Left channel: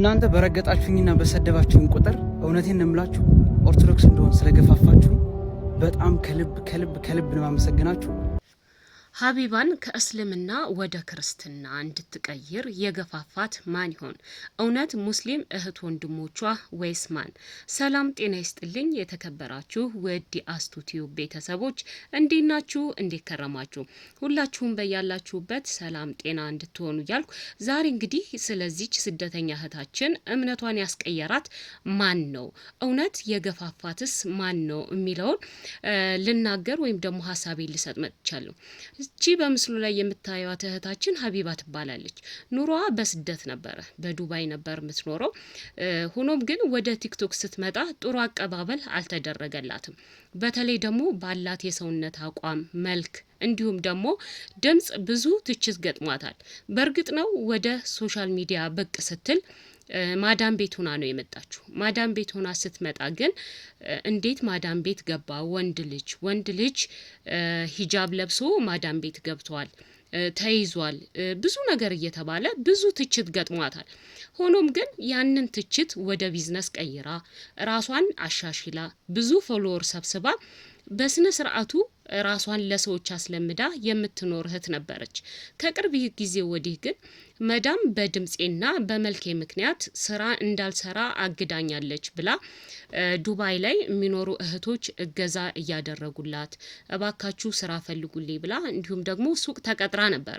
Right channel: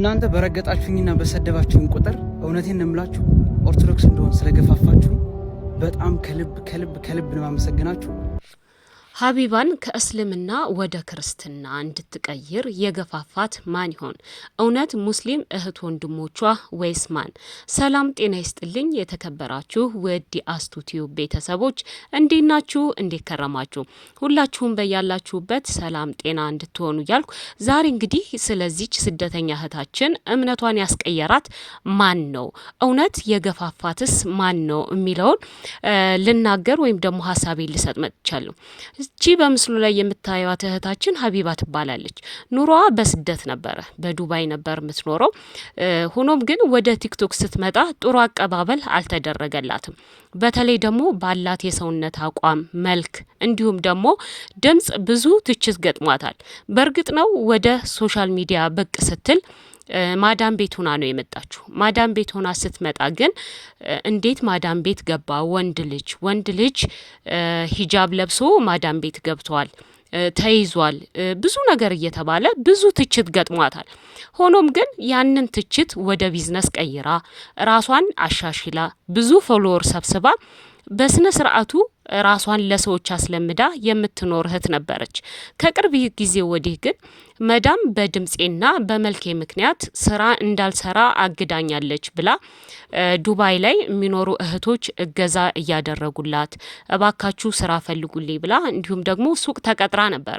እናንተ በረገጣችሁኝና በሰደባችሁኝ ቁጥር እውነቴን እንምላችሁ ኦርቶዶክስ እንደሆን ስለገፋፋችሁ በጣም ከልብ ነው ማመሰግናችሁ። ሀቢባን ከእስልምና ወደ ክርስትና እንድትቀይር የገፋፋት ማን ይሆን? እውነት ሙስሊም እህት ወንድሞቿ ወይስ ማን? ሰላም ጤና ይስጥልኝ የተከበራችሁ ውድ የአስቱቲዩ ቤተሰቦች እንዴት ናችሁ? እንዴት ከረማችሁ? ሁላችሁም በያላችሁበት ሰላም ጤና እንድትሆኑ እያልኩ ዛሬ እንግዲህ ስለዚች ስደተኛ እህታችን እምነቷን ያስቀየራት ማን ነው፣ እውነት የገፋፋትስ ማን ነው የሚለውን ልናገር ወይም ደግሞ ሀሳቤ ልሰጥ መጥቻለሁ። እቺ በምስሉ ላይ የምታዩት እህታችን ሀቢባ ትባላለች። ኑሮዋ በስደት ነበረ፣ በዱባይ ነበር የምትኖረው። ሆኖም ግን ወደ ቲክቶክ ስትመጣ ጥሩ አቀባበል አልተደረገላትም። በተለይ ደግሞ ባላት የሰውነት አቋም፣ መልክ እንዲሁም ደግሞ ድምጽ ብዙ ትችት ገጥሟታል። በእርግጥ ነው ወደ ሶሻል ሚዲያ ብቅ ስትል ማዳም ቤት ሆና ነው የመጣችው። ማዳም ቤት ሆና ስትመጣ ግን እንዴት ማዳም ቤት ገባ? ወንድ ልጅ ሂጃብ ለብሶ ማዳም ቤት ገብቷል፣ ተይዟል፣ ብዙ ነገር እየተባለ ብዙ ትችት ገጥሟታል። ሆኖም ግን ያንን ትችት ወደ ቢዝነስ ቀይራ ራሷን አሻሽላ ብዙ ፎሎወር ሰብስባ በስነ ስርዓቱ ራሷን ለሰዎች አስለምዳ የምትኖር እህት ነበረች። ከቅርብ ጊዜ ወዲህ ግን መዳም በድምጼና በመልኬ ምክንያት ስራ እንዳልሰራ አግዳኛለች ብላ ዱባይ ላይ የሚኖሩ እህቶች እገዛ እያደረጉላት እባካችሁ ስራ ፈልጉልኝ ብላ እንዲሁም ደግሞ ሱቅ ተቀጥራ ነበረ።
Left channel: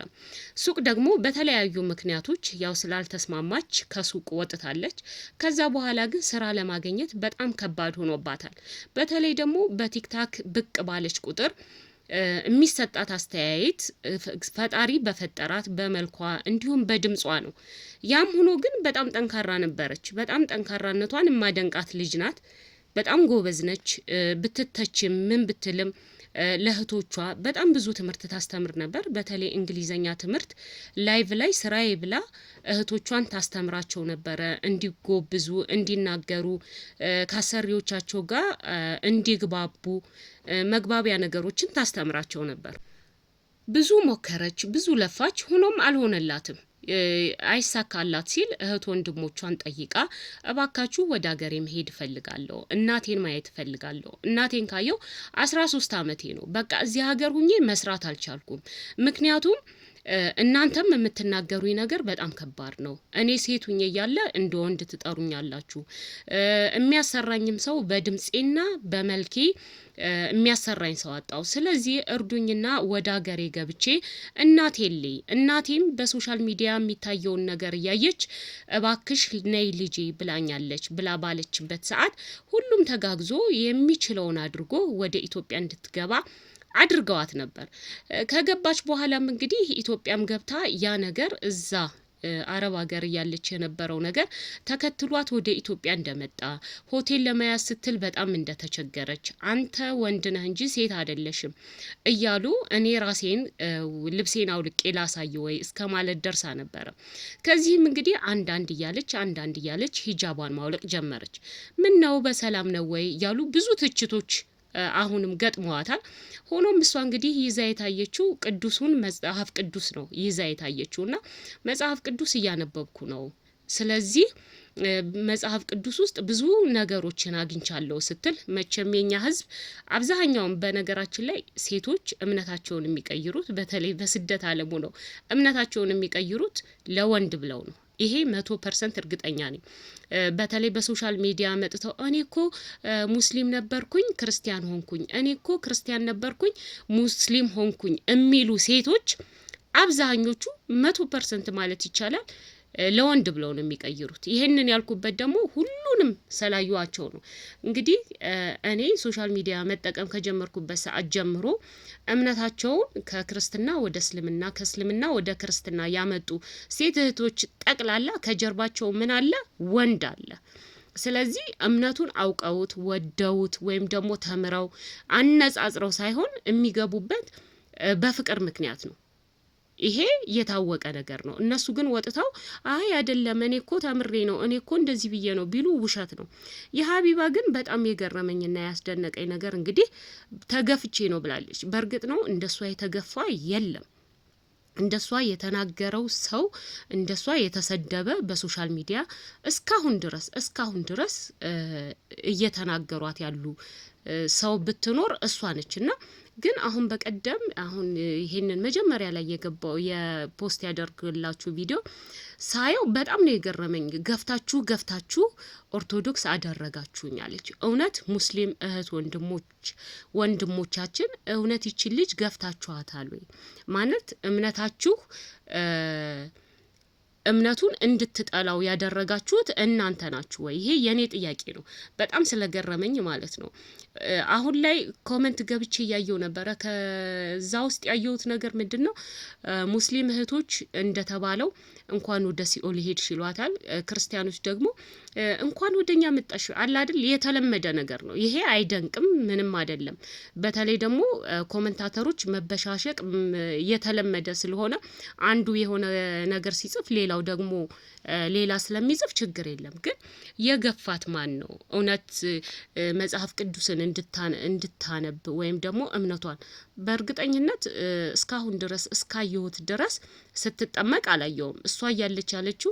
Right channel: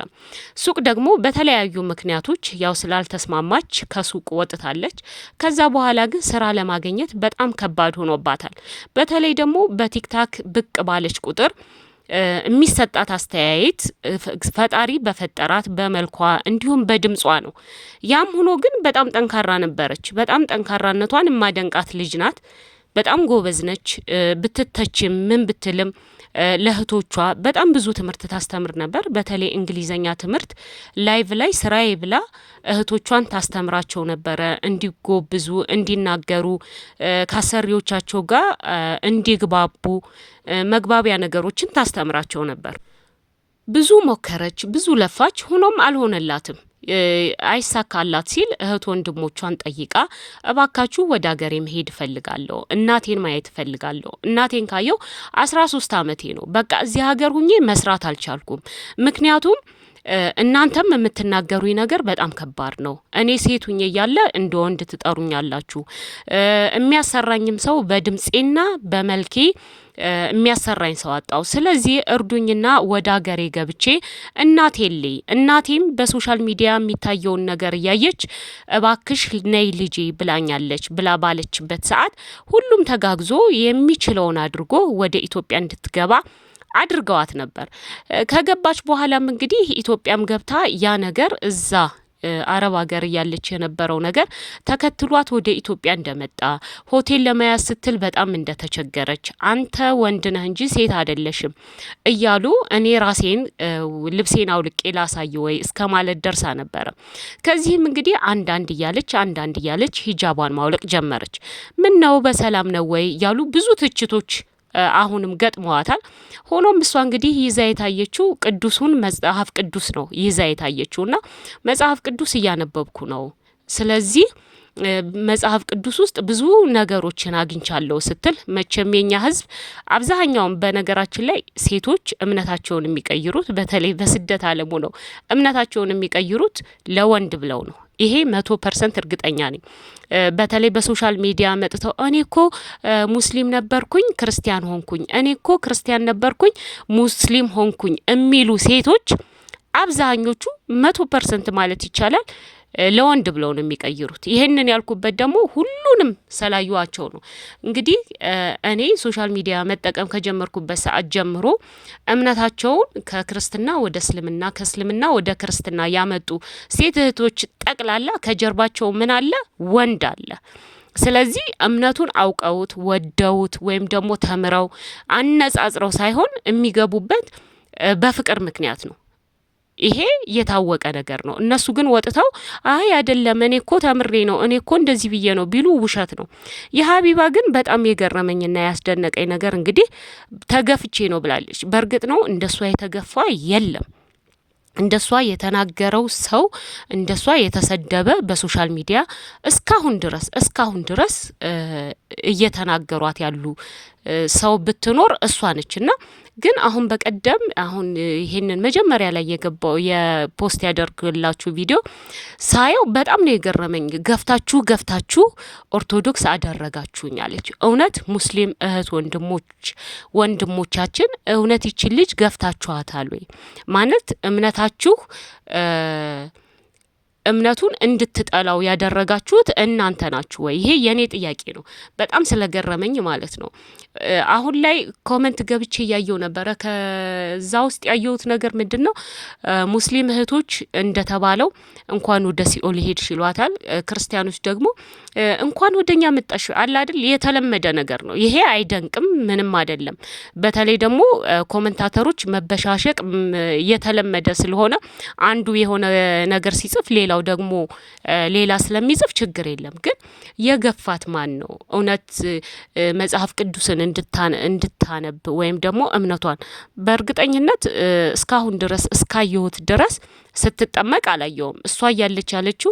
ሱቅ ደግሞ በተለያዩ ምክንያቶች ያው ስላልተስማማች ከሱቅ ወጥታለች። ከዛ በኋላ ግን ስራ ለማግኘት በጣም ከባድ ሆኖባታል። በተለይ ደግሞ በቲክታክ ብቅ ባለች ቁጥር የሚሰጣት አስተያየት ፈጣሪ በፈጠራት በመልኳ እንዲሁም በድምጿ ነው። ያም ሆኖ ግን በጣም ጠንካራ ነበረች። በጣም ጠንካራነቷን የማደንቃት ልጅ ናት። በጣም ጎበዝ ነች። ብትተችም ምን ብትልም ለእህቶቿ በጣም ብዙ ትምህርት ታስተምር ነበር። በተለይ እንግሊዘኛ ትምህርት ላይቭ ላይ ስራዬ ብላ እህቶቿን ታስተምራቸው ነበረ። እንዲጎብዙ፣ እንዲናገሩ፣ ከአሰሪዎቻቸው ጋር እንዲግባቡ መግባቢያ ነገሮችን ታስተምራቸው ነበር። ብዙ ሞከረች፣ ብዙ ለፋች። ሆኖም አልሆነላትም። አይሳካላት ሲል እህት ወንድሞቿን ጠይቃ እባካችሁ ወደ ሀገሬ መሄድ እፈልጋለሁ፣ እናቴን ማየት እፈልጋለሁ። እናቴን ካየው 13 ዓመቴ ነው። በቃ እዚህ ሀገር ሁኜ መስራት አልቻልኩም። ምክንያቱም እናንተም የምትናገሩኝ ነገር በጣም ከባድ ነው። እኔ ሴት ሁኜ እያለ እንደ ወንድ ትጠሩኛላችሁ። የሚያሰራኝም ሰው በድምጼና በመልኬ የሚያሰራኝ ሰው አጣው። ስለዚህ እርዱኝና ወደ ሀገሬ ገብቼ እናቴም በሶሻል ሚዲያ የሚታየውን ነገር እያየች እባክሽ ነይ ልጄ ብላኛለች ብላ ባለችበት ሰዓት ሁሉም ተጋግዞ የሚችለውን አድርጎ ወደ ኢትዮጵያ እንድትገባ አድርገዋት ነበር። ከገባች በኋላም እንግዲህ ኢትዮጵያም ገብታ ያ ነገር እዛ አረብ ሀገር እያለች የነበረው ነገር ተከትሏት ወደ ኢትዮጵያ እንደመጣ ሆቴል ለመያዝ ስትል በጣም እንደተቸገረች አንተ ወንድ ነህ እንጂ ሴት አይደለሽም እያሉ እኔ ራሴን ልብሴን አውልቄ ላሳይ ወይ እስከ ማለት ደርሳ ነበረ። ከዚህም እንግዲህ አንዳንድ እያለች ሂጃቧን ማውለቅ ጀመረች። ምን ነው በሰላም ነው ወይ እያሉ ብዙ ትችቶች አሁንም ገጥመዋታል። ሆኖም እሷ እንግዲህ ይዛ የታየችው ቅዱሱን መጽሐፍ ቅዱስ ነው ይዛ የታየችውና መጽሐፍ ቅዱስ እያነበብኩ ነው፣ ስለዚህ መጽሐፍ ቅዱስ ውስጥ ብዙ ነገሮችን አግኝቻለሁ ስትል መቼም የኛ ሕዝብ አብዛኛውን በነገራችን ላይ ሴቶች እምነታቸውን የሚቀይሩት በተለይ በስደት ዓለሙ ነው እምነታቸውን የሚቀይሩት ለወንድ ብለው ነው። ይሄ 100% እርግጠኛ ነኝ። በተለይ በሶሻል ሚዲያ መጥተው እኔ እኮ ሙስሊም ነበርኩኝ ክርስቲያን ሆንኩኝ፣ እኔ እኮ ክርስቲያን ነበርኩኝ ሙስሊም ሆንኩኝ የሚሉ ሴቶች አብዛኞቹ 100% ማለት ይቻላል ለወንድ ብለው ነው የሚቀይሩት። ይሄንን ያልኩበት ደግሞ ሁሉንም ሰላዩዋቸው ነው። እንግዲህ እኔ ሶሻል ሚዲያ መጠቀም ከጀመርኩበት ሰዓት ጀምሮ እምነታቸውን ከክርስትና ወደ እስልምና ከእስልምና ወደ ክርስትና ያመጡ ሴት እህቶች ጠቅላላ ከጀርባቸው ምን አለ? ወንድ አለ። ስለዚህ እምነቱን አውቀውት ወደውት ወይም ደግሞ ተምረው አነጻጽረው ሳይሆን የሚገቡበት በፍቅር ምክንያት ነው። ይሄ የታወቀ ነገር ነው። እነሱ ግን ወጥተው አይ አይደለም እኔ እኮ ተምሬ ነው እኔ እኮ እንደዚህ ብዬ ነው ቢሉ ውሸት ነው። የሀቢባ ግን በጣም የገረመኝና ያስደነቀኝ ነገር እንግዲህ ተገፍቼ ነው ብላለች። በእርግጥ ነው እንደሷ የተገፋ የለም። እንደሷ የተናገረው ሰው እንደሷ የተሰደበ በሶሻል ሚዲያ እስካሁን ድረስ እየተናገሯት ያሉ ሰው ብትኖር እሷ ነችና ግን አሁን በቀደም አሁን ይሄንን መጀመሪያ ላይ የገባው የፖስት ያደርግላችሁ ቪዲዮ ሳየው በጣም ነው የገረመኝ። ገፍታችሁ ኦርቶዶክስ አደረጋችሁኝ አለች። እውነት ሙስሊም እህት ወንድሞቻችን እውነት ይችን ልጅ ገፍታችኋታል ወይ? ማለት እምነቱን እንድትጠላው ያደረጋችሁት እናንተ ናችሁ ወይ? ይሄ የኔ ጥያቄ ነው። በጣም ስለገረመኝ ማለት ነው። አሁን ላይ ኮመንት ገብቼ እያየው ነበረ። ከዛ ውስጥ ያየሁት ነገር ምንድነው? ሙስሊም እህቶች እንደተባለው እንኳን ወደ ሲኦል ሄድሽ ይሏታል። ክርስቲያኖች ደግሞ እንኳን ወደኛ መጣሽ አለ አይደል? የተለመደ ነገር ነው ይሄ። አይደንቅም፣ ምንም አይደለም። በተለይ ደግሞ ኮመንታተሮች መበሻሸቅ የተለመደ ስለሆነ አንዱ የሆነ ነገር ሲጽፍ ሌላው ደግሞ ሌላ ስለሚጽፍ ችግር የለም። ግን የገፋት ማን ነው? እውነት መጽሐፍ ቅዱስን እንድታነብ ወይም ደግሞ እምነቷን በእርግጠኝነት እስካሁን ድረስ እስካየሁት ድረስ ስትጠመቅ አላየውም። እሷ እያለች ያለችው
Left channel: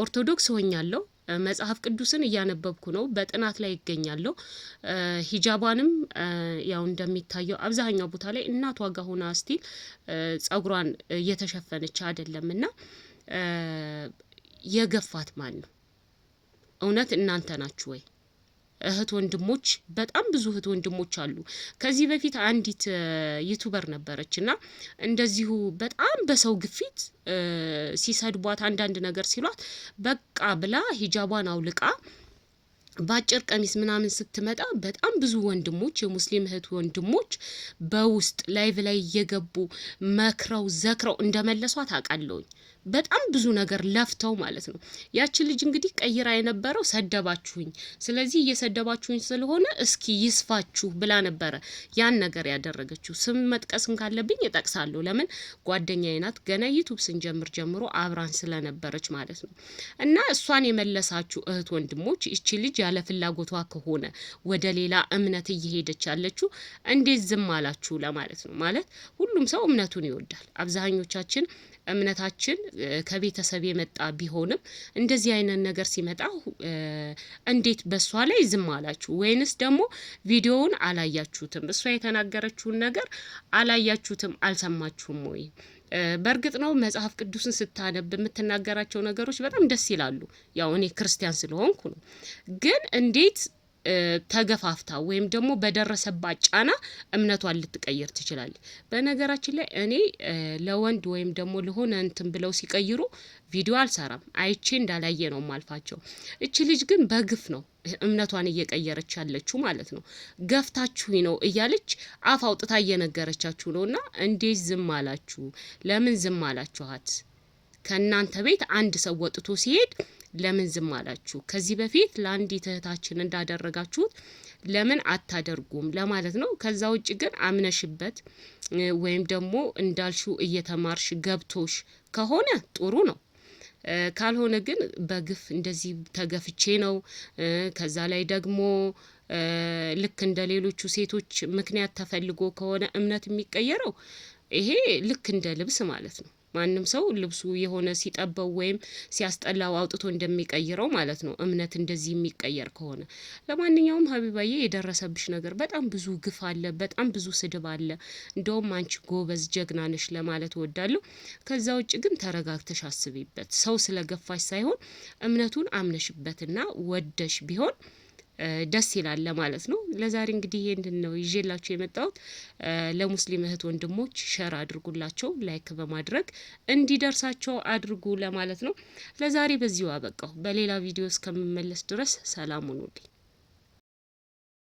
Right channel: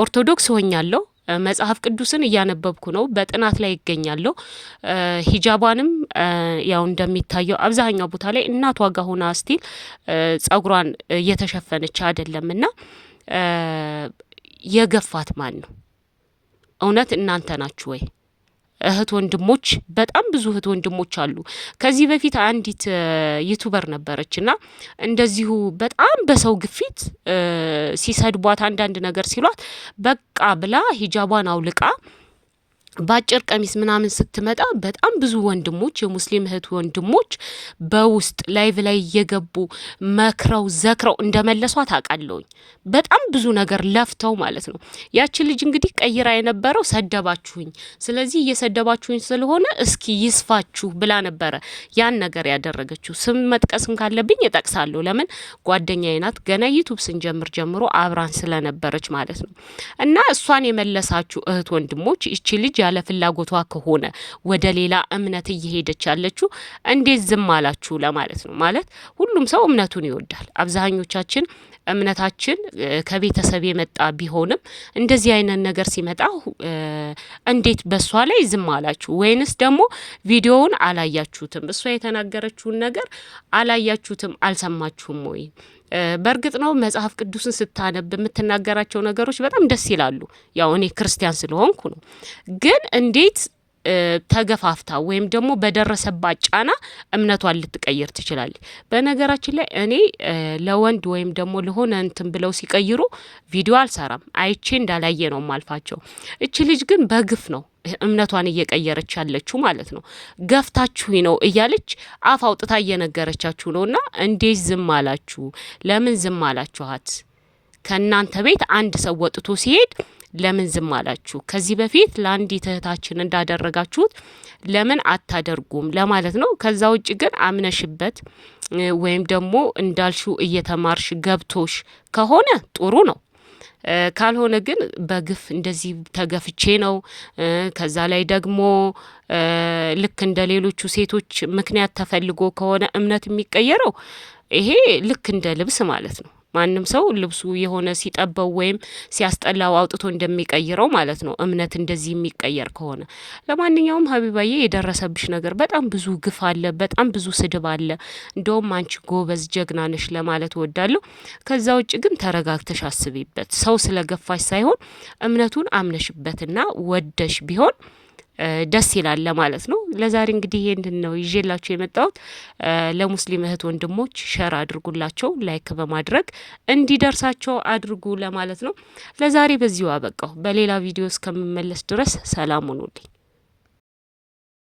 ኦርቶዶክስ ሆኛለሁ፣ መጽሐፍ ቅዱስን እያነበብኩ ነው፣ በጥናት ላይ ይገኛለሁ። ሂጃቧንም ያው እንደሚታየው አብዛኛው ቦታ ላይ እናቷ ጋር ሆና ስቲል ጸጉሯን እየተሸፈነች አይደለምና የገፋት ማን ነው? እውነት እናንተ ናችሁ ወይ? እህት ወንድሞች፣ በጣም ብዙ እህት ወንድሞች አሉ። ከዚህ በፊት አንዲት ዩቱበር ነበረችና እንደዚሁ በጣም በሰው ግፊት ሲሰድቧት አንዳንድ ነገር ሲሏት በቃ ብላ ሂጃቧን አውልቃ በአጭር ቀሚስ ምናምን ስትመጣ በጣም ብዙ ወንድሞች የሙስሊም እህት ወንድሞች በውስጥ ላይቭ ላይ እየገቡ መክረው ዘክረው እንደመለሷት አውቃለሁኝ። በጣም ብዙ ነገር ለፍተው ማለት ነው። ያችን ልጅ እንግዲህ ቀይራ የነበረው ሰደባችሁኝ፣ ስለዚህ እየሰደባችሁኝ ስለሆነ እስኪ ይስፋችሁ ብላ ነበረ ያን ነገር ያደረገችው። ስም መጥቀስም ካለብኝ እጠቅሳለሁ። ለምን ጓደኛዬ ናት። ገና ዩቱብ ስንጀምር ጀምሮ አብራን ስለነበረች ማለት ነው። እና እሷን የመለሳችሁ እህት ወንድሞች ይቺ ልጅ ያለ ፍላጎቷ ከሆነ ወደ ሌላ እምነት እየሄደች ያለችው እንዴት ዝም አላችሁ ለማለት ነው። ማለት ሁሉም ሰው እምነቱን ይወዳል። አብዛኞቻችን እምነታችን ከቤተሰብ የመጣ ቢሆንም እንደዚህ አይነት ነገር ሲመጣ እንዴት በሷ ላይ ዝም አላችሁ? ወይንስ ደግሞ ቪዲዮውን አላያችሁትም? እሷ የተናገረችውን ነገር አላያችሁትም? አልሰማችሁም ወይ? በእርግጥ ነው መጽሐፍ ቅዱስን ስታነብ የምትናገራቸው ነገሮች በጣም ደስ ይላሉ። ያው እኔ ክርስቲያን ስለሆንኩ ነው። ግን እንዴት ተገፋፍታ ወይም ደግሞ በደረሰባት ጫና እምነቷን ልትቀይር ትችላለች? በነገራችን ላይ እኔ ለወንድ ወይም ደግሞ ለሆነ እንትን ብለው ሲቀይሩ ቪዲዮ አልሰራም፣ አይቼ እንዳላየ ነው ማልፋቸው። እቺ ልጅ ግን በግፍ ነው እምነቷን እየቀየረች ያለችው ማለት ነው። ገፍታችሁኝ ነው እያለች አፍ አውጥታ እየነገረቻችሁ ነውና እንዴት ዝም አላችሁ? ለምን ዝም አላችኋት? ከእናንተ ቤት አንድ ሰው ወጥቶ ሲሄድ ለምን ዝም አላችሁ? ከዚህ በፊት ለአንዲት እህታችን እንዳደረጋችሁት ለምን አታደርጉም ለማለት ነው። ከዛ ውጭ ግን አምነሽበት ወይም ደግሞ እንዳልሽው እየተማርሽ ገብቶሽ ከሆነ ጥሩ ነው። ካልሆነ ግን በግፍ እንደዚህ ተገፍቼ ነው ከዛ ላይ ደግሞ ልክ እንደ ሌሎቹ ሴቶች ምክንያት ተፈልጎ ከሆነ እምነት የሚቀየረው ይሄ ልክ እንደ ልብስ ማለት ነው። ማንም ሰው ልብሱ የሆነ ሲጠበው ወይም ሲያስጠላው አውጥቶ እንደሚቀይረው ማለት ነው እምነት እንደዚህ የሚቀየር ከሆነ። ለማንኛውም ሀቢባዬ የደረሰብሽ ነገር በጣም ብዙ ግፍ አለ፣ በጣም ብዙ ስድብ አለ። እንደውም አንቺ ጎበዝ ጀግና ነሽ ለማለት እወዳለሁ። ከዛ ውጭ ግን ተረጋግተሽ አስቢበት። ሰው ስለገፋሽ ሳይሆን እምነቱን አምነሽበትና ወደሽ ቢሆን ደስ ይላል ለማለት ነው። ለዛሬ እንግዲህ ይሄንን ነው ይዤላችሁ የመጣሁት። ለሙስሊም እህት ወንድሞች ሸር አድርጉላቸው፣ ላይክ በማድረግ እንዲደርሳቸው አድርጉ ለማለት ነው። ለዛሬ በዚሁ አበቃሁ። በሌላ ቪዲዮ እስከምመለስ ድረስ ሰላም ሁኑልኝ።